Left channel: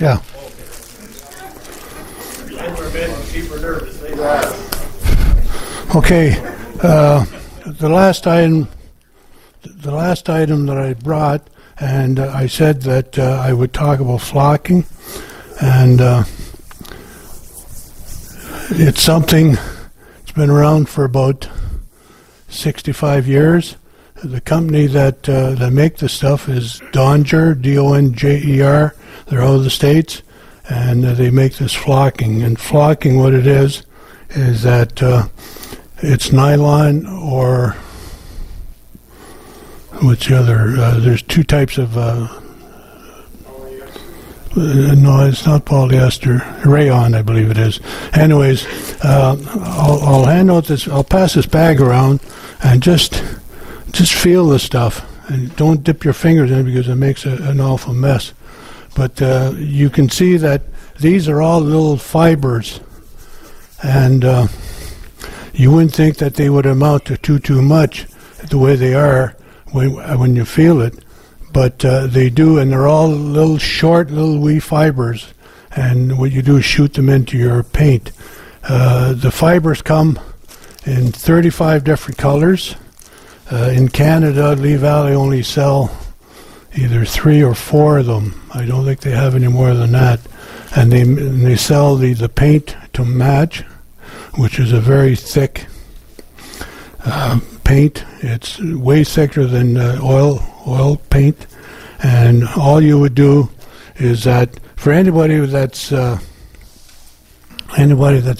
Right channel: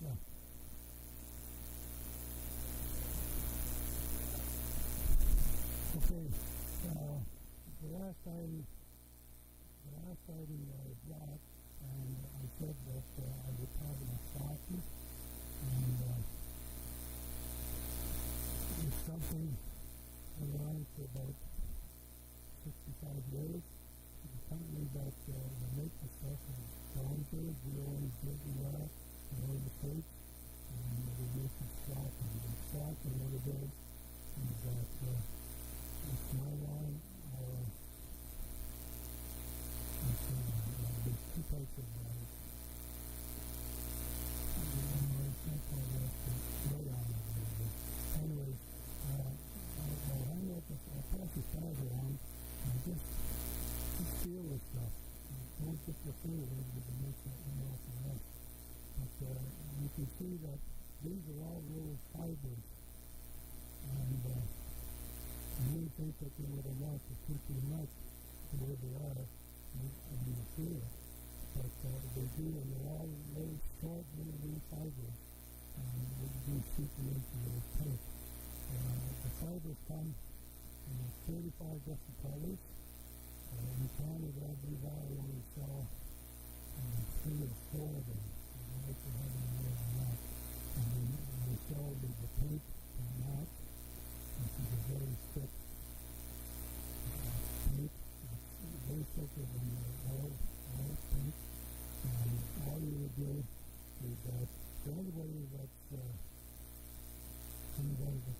Yeah. Okay. The last item that I brought, and I said that I would talk about flocking, and it's something that's been around for about 65 years. The company that make the stuff is Donger, D-O-N-J-E-R. They're out of the States, and they make this flocking. And flocking, what it is that it's nylon, or what's the other? There's two types of. No, it's not polyester. Rayon, I believe it is. Anyways, I'll hand out this. I'll pass this bag around, and just feel the stuff. And don't dip your fingers in it because it makes an awful mess. But you can see that these are all little fibers, and you wouldn't think that they would amount to too much the way they are when you feel it, but they do, and they're all little short, little wee fibers, and what you do is shoot them into your paint. The fibers come in 35 different colors. In Canada, Lee Valley only sell either 3 or 4 of them. I don't think they have any more than that. And they sell the paint to match, which is a very thick paint. It's way thicker than oil paint. And all you would do is that for anybody that's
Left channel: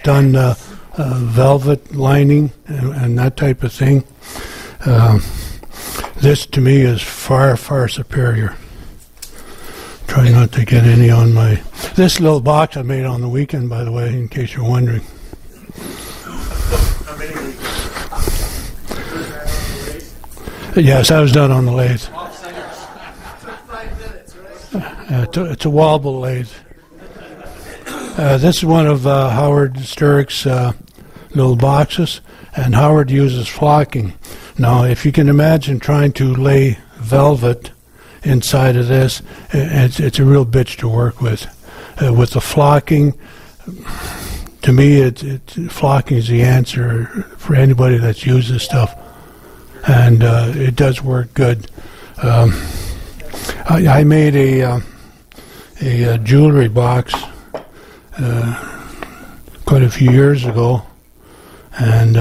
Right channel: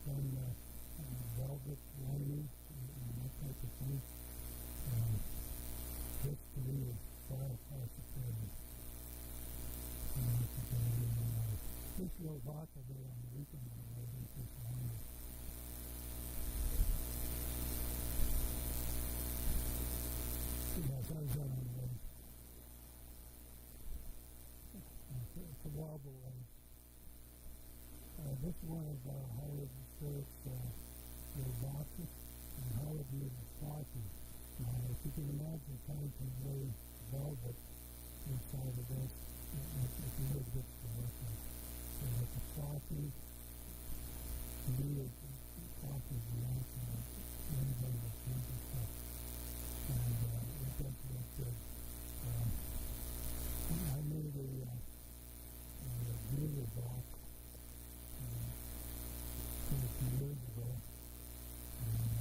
done velvet lining and that type of thing, this to me is far superior. Try not to get any on my... This little box I made on the weekend, by the way, in case you're wondering. Yes, that was done on the lathe. It's a wobble lathe. This is one of Howard Sturrock's little boxes, and Howard uses flocking. Now, if you can imagine trying to lay velvet inside of this, it's a real bitch to work with. With the flocking, to me, flocking is the answer for anybody that's used this stuff, and it does work good. I made a jewelry box quite a few years ago, and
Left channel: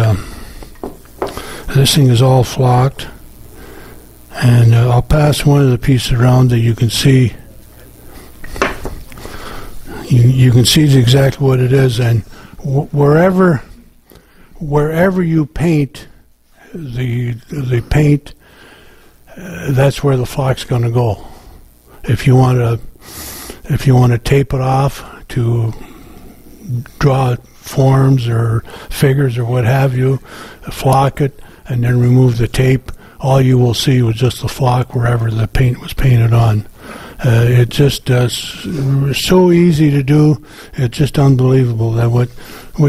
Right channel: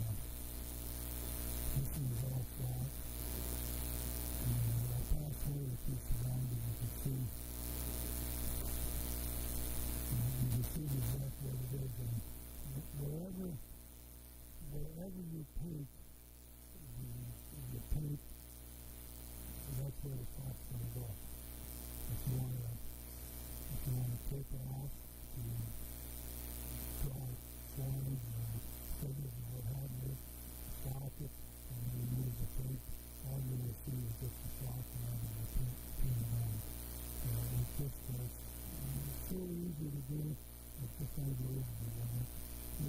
this thing is all flocked, and I'll pass one of the pieces around that you can see. You can see exactly what it is, and wherever you paint the paint, that's where the flock's going to go. If you want to tape it off to draw forms or figures or what have you, flock it and then remove the tape, all you will see was just the flock wherever the paint was painted on. It just so easy to do. It's just unbelievable that what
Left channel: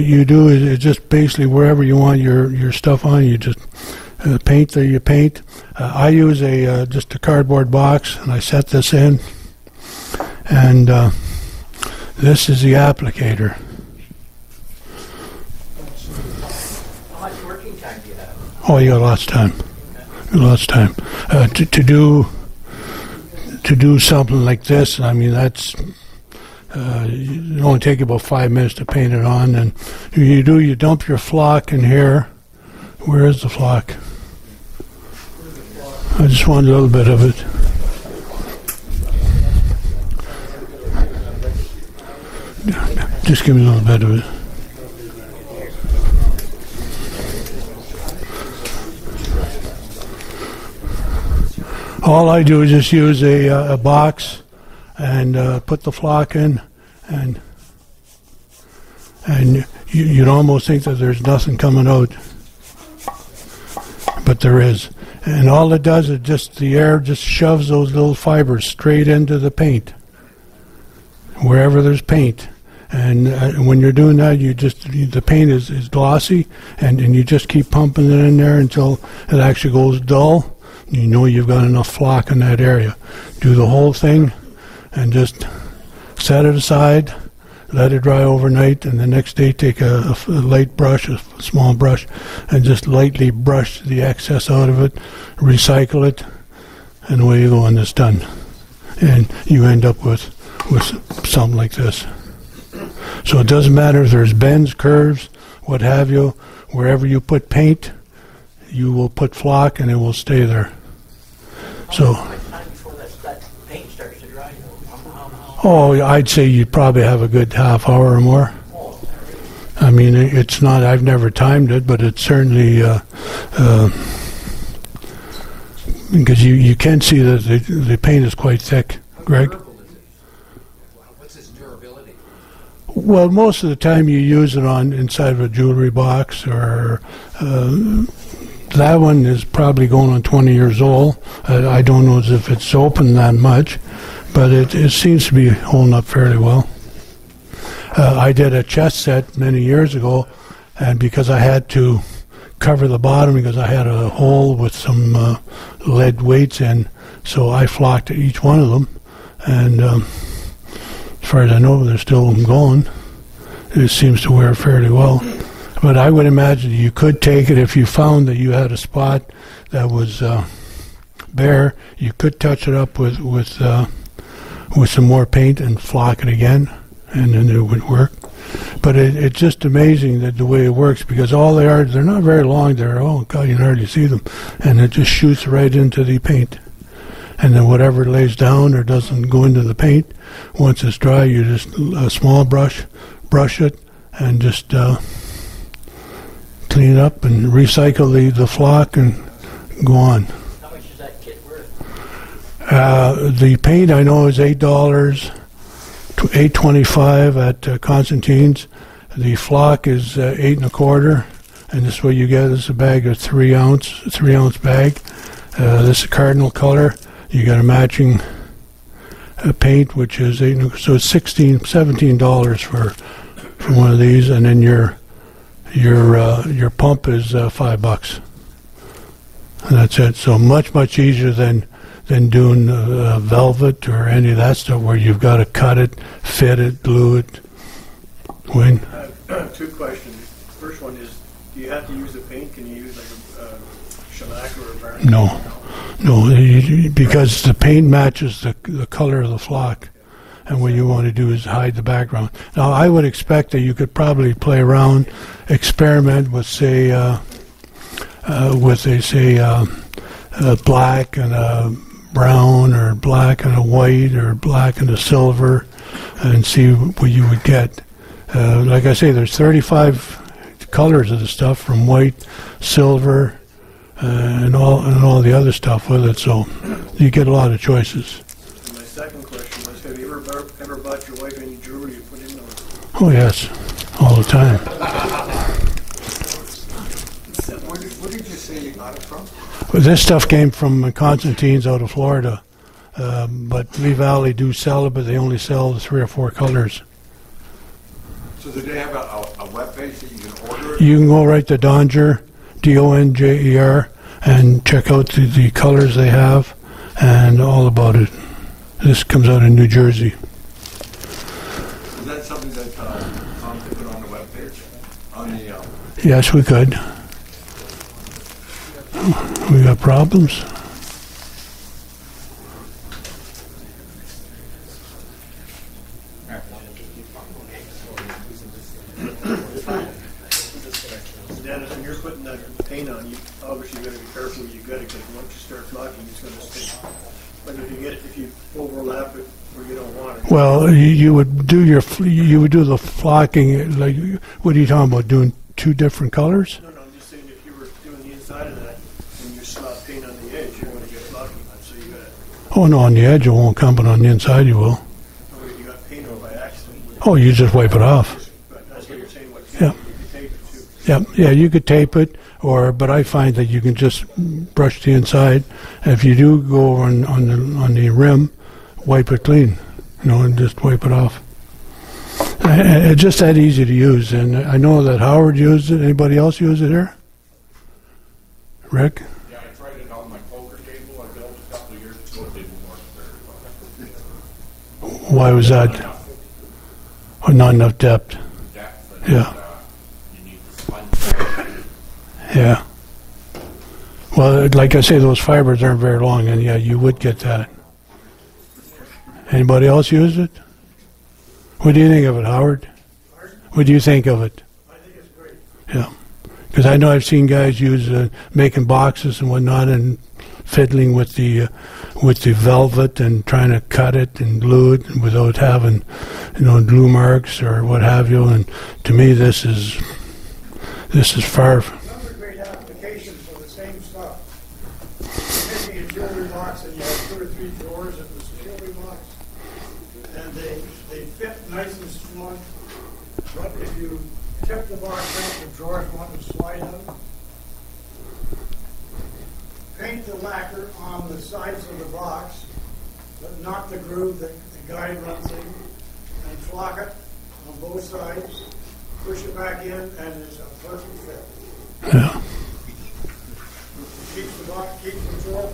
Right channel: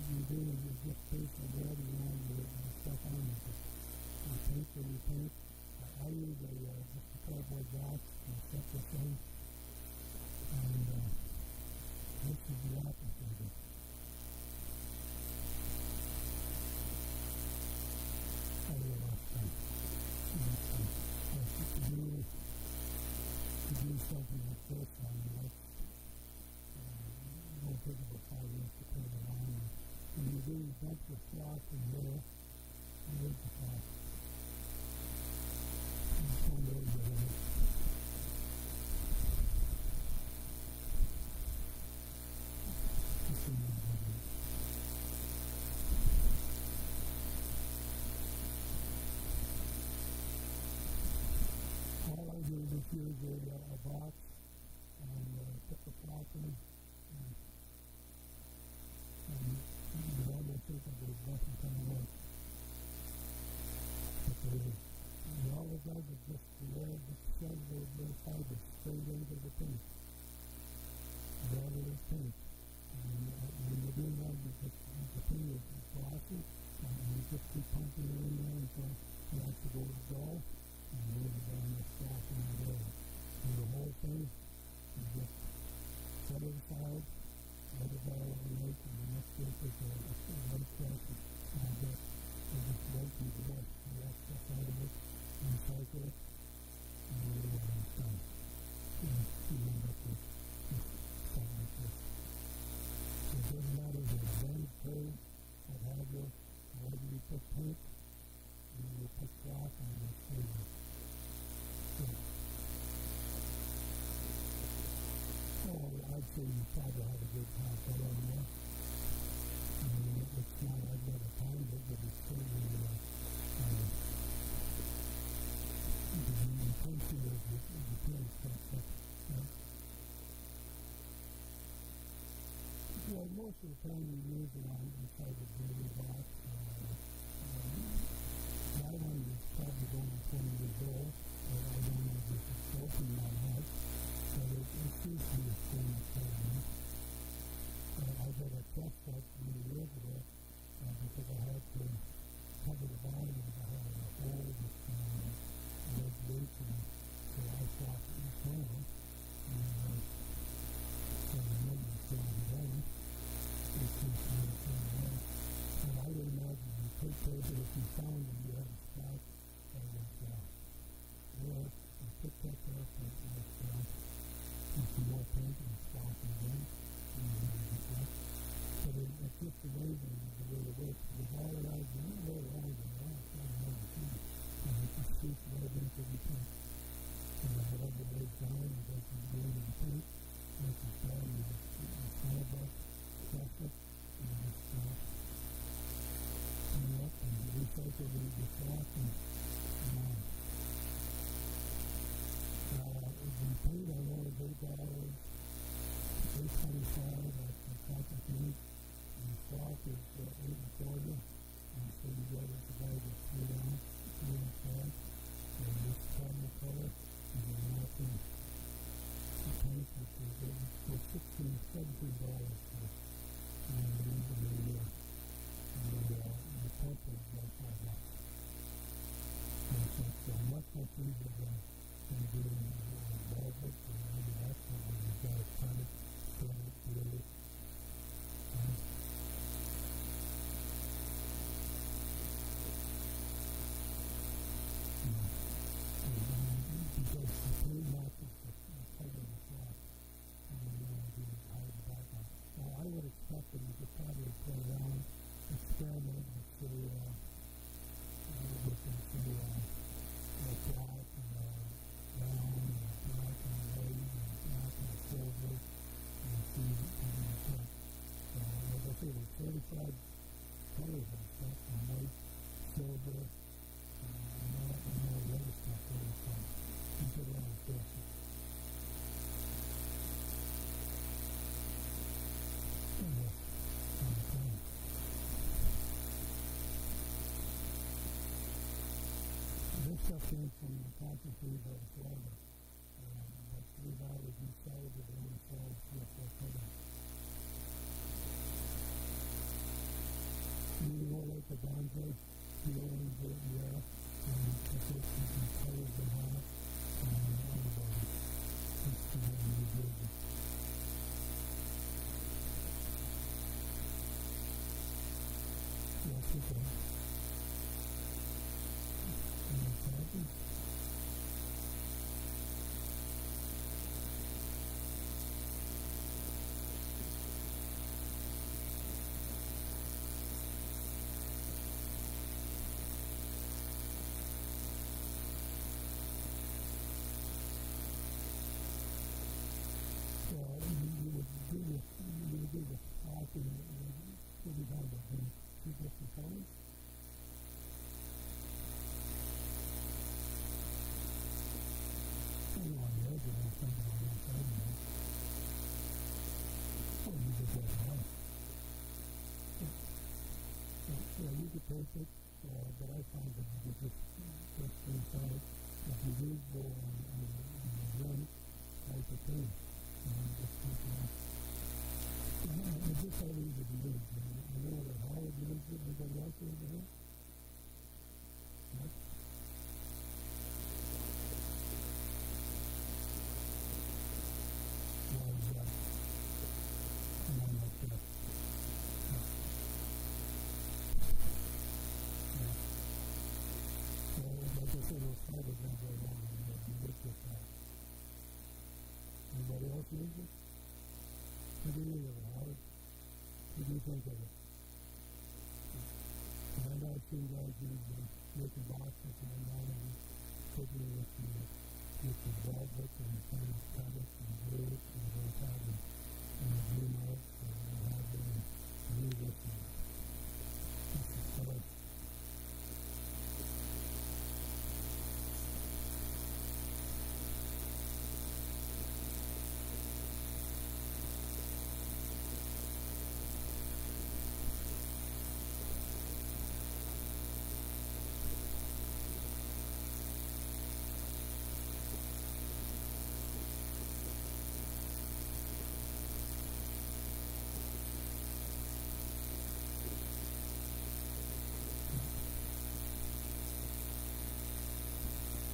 you do is just basically wherever you want your stuff on, you just paint there. You paint. I use just a cardboard box, and I set this in, and this is the applicator. How much working time do you have? Oh, you got lots of time. Lots of time to do something like this. I mean, that's it only take about 5 minutes to paint it on, and you dump your flock in here. Where is the flock? I just want a little bit of it. Just give me a little bit of it. All I do is just use a box and put the flock in, and you'd almost think that there's nothing coming out, but there is. And all it does is just the air just shoves those little fibers straight into the paint, wherever there's paint. And when you're doing that, the paint is glossy, and you just keep pumping it in there until it actually goes dull. You know you've got enough flock in that area. Do the whole thing, and just set it aside, let it dry overnight, and the next day take a light brush, a small brush, and just lightly brush the excess out of it, recycle it, and away you go, and it's done. And you end up with something like this. So it doesn't matter if there's bends, curves, what have you, wherever you put paint, you will put flock and it will stay there. So, How much time before that paint starts to dry? oh, I'd say you probably have a good half hour or more. I mean, it's not, I've never timed it, but it's certainly, because you can see that the paint is quite thick, Greg. What's its durability? Well, most of the time you use it on inside of a jewelry box, or that one is probably going on 20 years old. I don't know if it's open that much, but it seems to be holding up fairly well. I did a chest set many years ago, and because I had to cover the bottom because I had a hole with some lead weights in, so I flocked each one of them, and as far as I know, they're still going. It seems to wear fairly well. But I would imagine you could take it if you found that you had a spot that was bare. You could touch it up with some more paint and flock it again, and then it would work. But it's just amazing that the way it works, because all they are, they're not very long. They're, oh God, you can hardly see them, and it just shoots right into the paint. And then whatever lays down or doesn't go into the paint, once it's dry, you just a small brush it, and just clean it up and recycle the flock and go on. How much is that kit worth? The paint I know is $8, $8.25 at Constantine's. The flock is $8 1/4, and this is what you get. This is a bag of 3 ounce bag. This is cardinal color. You got a matching paint, which is so it's $17 for one of these, and then your pump is $5, and that's it. So much easier than doing velvet or any of that stuff where you've got to cut it, fit it, glue it. Wayne? Two questions. First one is, do you have to use a paint? Can you use like a shellac or a varnish? No, because the paint matches the color of the flock, and what you want to do is hide the background. Now, I would expect that you could probably play around, experiment with, say, black and a brown, or black and a white, or black and a silver, and see what you would get. Like I say, there's 35 colors of the stuff, from white, silver, and all the other stuff with it, so you get a lot of choices. And my second question was, have you ever bought your wife any jewelry you put in those? Oh yes, all the time. Where did you say you got it from? Well, this stuff came from Constantine's out of Florida, but Lee Valley do sell it, but they only sell the 3 or 4 colors. So do they have a web page that you can order it? You can go right to Donger, Donjer, and check out the colors they have and all about it. This comes out in New Jersey. Is that something that Tom could put on the web page? On the Yes, we could. We got problems. Dennis, when you're putting that paint on, you obviously got to be careful where you get it, because once you start flocking, it's going to stick. But if you overlap it where you don't want it. Well, you would do the flocking, like, what are you talking about, doing 2 different colors? No, I'm just saying, if you were doing the inside of that and you slap paint on the edge, you're going to get flocking. So you got to, Oh no, on the edge it won't come, but on the inside you will. you got paint over by accident. Oh, you just wipe it off. But that's what you're saying, what Yeah. you can tape it to. Yeah, you could tape it, but I find that you can just brush the inside. If you do go on the rim, wipe it clean, and just wipe it off. It's just that easy to use, and I know that Howard used it. Anybody else use it here? Rick? Yeah, I tried it on my poker table. I built a couple of years ago. It didn't work very well. Why was that? or not enough depth. depth, but Yeah. you need the sponge. Yeah. Well, like I say, those fibers aren't very long, and yeah, you would get that. Anybody else use it? What do you think of it, Howard? What do you think of it? I think it's great. Yeah. Because I know I've seen guys use making boxes and whatnot, and fiddling with the velvet and trying to cut it and glue it without having, glue marks or what have you. And to me, this is far. Another great application for the same stuff. Making a jewelry box and you have 2 or 3 drawers in this jewelry box. And they fit nice and strong. But if you tip the box out, the drawers want to slide out. Paint the lacquer on the sides of the box, but not the groove that the guide runs in. And flock it on both sides. Push it back in, and it's a perfect fit. Yeah. Keeps the box, keeps the drawer